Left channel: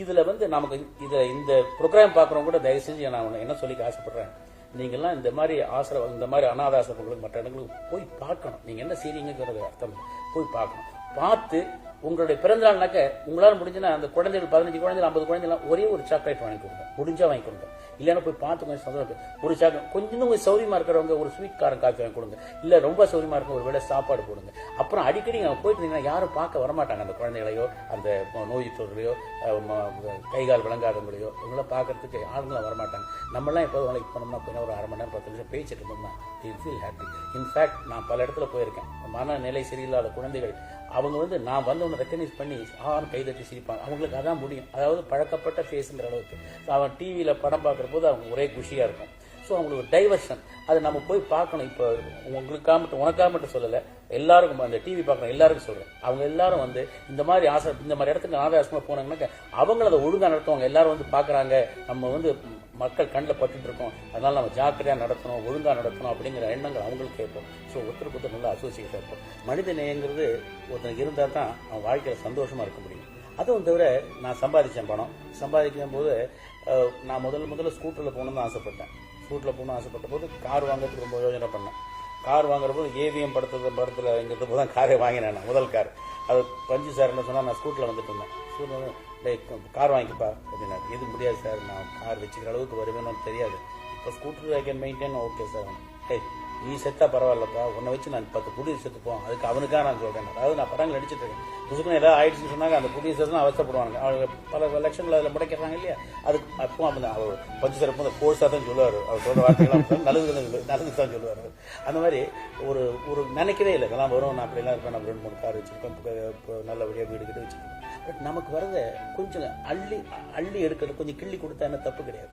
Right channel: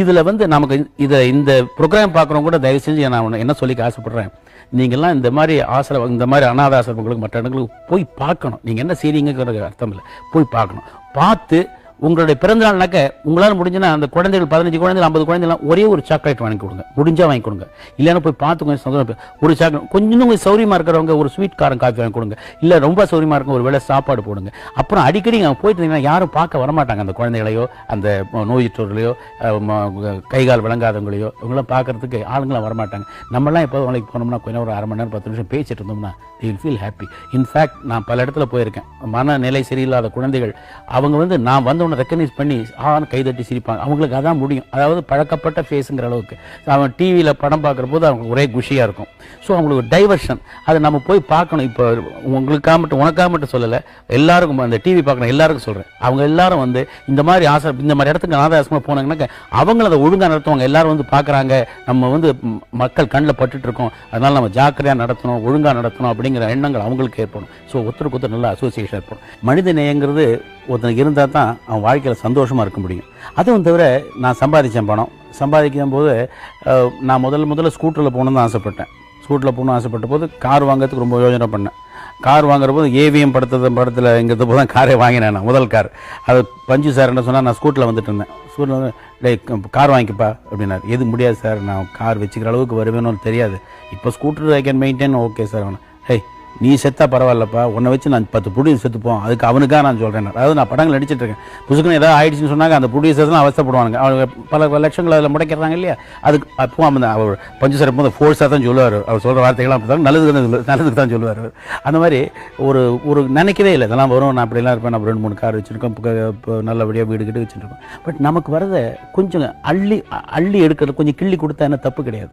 இதில் வந்து நமக்கு இந்த ப்ரோக்ராம் பார்க்குறவங்க கூட தயவு செஞ்சு நான் என்ன சொல்லிக்க ஆசைப்படுறேன், நீங்கள்லாம் இந்த மாதிரி இந்த மாதிரி அனாத ஆசிரமங்களுக்கு மற்ற இடங்களுக்கு போய் பார்க்கணும். நீங்கள் என்ன செய்றீங்கிறது அர்த்தம் இல்லை, போய் பார்க்கணும். பார்த்து உங்களுடைய பிறந்த நாள்னாக்க உங்களால் முடிஞ்சுன்னா அந்த குழந்தைகள் 15 குழந்தைகள் 50 குழந்தைகள் ஒரே ஒரு சாக்லேட் வாங்கி கொடுங்க, முடிஞ்சா வாங்கி கொடுங்க. இல்லைன்னா போய் பார்த்து கொஞ்சம் சந்தோஷம் ஒரு சாக்லேட், கொஞ்சம் சௌரியமாக இருக்கிறவங்க ஒரு ஸ்வீட் காரம் காஃபி வாங்கி கொடுங்க. இல்லை ரொம்ப சௌரியமாக இருக்கும் ஒரு வேளை சாப்பாடு போடுங்க. அப்புறம் அடிக்கடி அங்கே போயிட்டு இருந்தீங்கன்னா யாரும் பார்க்க வரமாட்டாங்க, அந்த குழந்தைகளையோ அந்த நோயுற்றவர்களையோ கைகால் விளங்காதவங்களையோ இவங்களாம் பார்க்கறதுக்கு ஆளுங்களாம் வரமாட்டாங்க. நம்மளாம் இப்போ அவங்களுக்கு போனோம்னா கொஞ்சம் ஒரு 1/2 மணி நேரம் 10 நிமிஷம் பேசிட்டு இருந்தோம்னா they will feel happy. In fact நான் பல இடத்துல போயிருக்கேன், மனநிலை சரியில்லாத குழந்தைகள் அவங்க வந்து நான் வந்தவனை ரெக்கக்னைஸ் பண்ணி கைதட்டி சிரிப்பாங்க. அவங்களுக்கு அதான் முடியும், அதாவது பழக்கப்பட்ட ஃபேஸுங்கிற அளவுக்கு. அவன் டிவியில் படம் பார்க்குற போது அவங்க ஒரே குஷியாக இருக்கும். ஸோ அவங்களுக்கு ஒரு டைவர்ஷன், அதை நம்ம போய் பார்க்கணும். இப்போ உங்களுக்காக மட்டும் உனக்காக மட்டும் சொல்லலை, எல்லாருக்கும் அந்த டிவி பார்க்குற எல்லாருக்கும் சொல்கிறேன். அவங்க எல்லாரும் வந்து இந்த மாதிரி இந்த மாதிரி இடத்துக்கு அனாதை ஆசிரமம் போனாங்கன்னாக்க அவங்கள அதை ஒழுங்காக நடத்துவாங்க. எல்லாரும் வந்து பார்க்குறாங்க, நம்ம வந்து மக்கள் கண்ணில் பட்டுட்டு இருக்கோம், அதனால் நம்ம ஜாக்கிரதையாக நடத்தணும், ஒழுங்காக நடத்தணும் அப்படிங்கிற எண்ணங்கள் அவங்களுக்கு ஏற்படும். ஸோ ஒருத்தருக்கு ஒருத்தர் நல்ல அசோசியேஷன் ஏற்படும். மனித நேயங்கிறது ஒருத்தனுக்கு இருந்தால் தான் அவன் வாழ்க்கையில் சந்தோஷமாக இருக்க முடியும். அதுவும் தவிர நான் சம்பாதிக்கும் போது நான் முதல்ல ஸ்கூட்டரில் போகணுன்னு தான் ஆசைப்பட்டேன். ஸ்கூட்டரில் போகணும்னு ஆசைப்பட்ட போது கார் வாங்கிறதுக்கு ரொம்ப யோஜனை பண்ணேன். கார் வாங்குற போது ஏவிஎம் படத்தில் இங்கிறது போது தான் காரே வாங்கினேன். நான் முதல் கார் அது பஞ்சு சார் என்ன சொன்னால், நான் ஸ்கூட்டரில் வந்துட்டு இருந்தேன். ஸ்கூட்டில் வந்து கார் வாங்கிக்கப்பா அப்படின்னாரு. எது முடியாது சார், நான் கார் வச்சுக்கிற அளவுக்கு வருவேன்னு தெரியாது, இப்போ scooter I can maintain. Okay sir. அவனை நீ செத்தா பரவாயில்லப்பா, உன்னை வச்சு நான் 10 ப்ரொடியூசர் செத்துப்போம், அதுக்கு அவனுக்காக நான் சொல்கிறேன். அதாவது நான் படங்கள் நடிச்சிட்டு இருக்கேன், புதுக்குன்னு ஏதாவது ஆயிடுச்சுன்னு சொன்னாங்க அந்த ப்ரொடியூசர்ஸ்லாம் அவசப்படுவாங்க. அவங்க பல லட்சங்கள் அதில் முடைக்கிறாங்க இல்லையா. அதுக்கு அப்போ அவர் பஞ்சு சார் போது ஃபோர்ஸாக தான் சொல்லுவார். அவர் சொல்கிற வார்த்தைகள்லாம் நல்லதுக்கு தான் சொல்லுவார். அந்த மாதிரி ஒரு நினைக்கவே இல்லை இதெல்லாம் வரும், நான் அப்படிலாம் இருப்பேன். நம்ம 2-3 கார் வச்சுருக்கோம், இப்போ நல்லபடியாக வீடு கிட்ட வச்சுருக்கோம். பட் நமக்கு வரதை கொஞ்சம் அள்ளி எடுக்கிறது, கொஞ்சம் கிள்ளி கொடுத்தா என்ன தப்பு கிடையாது.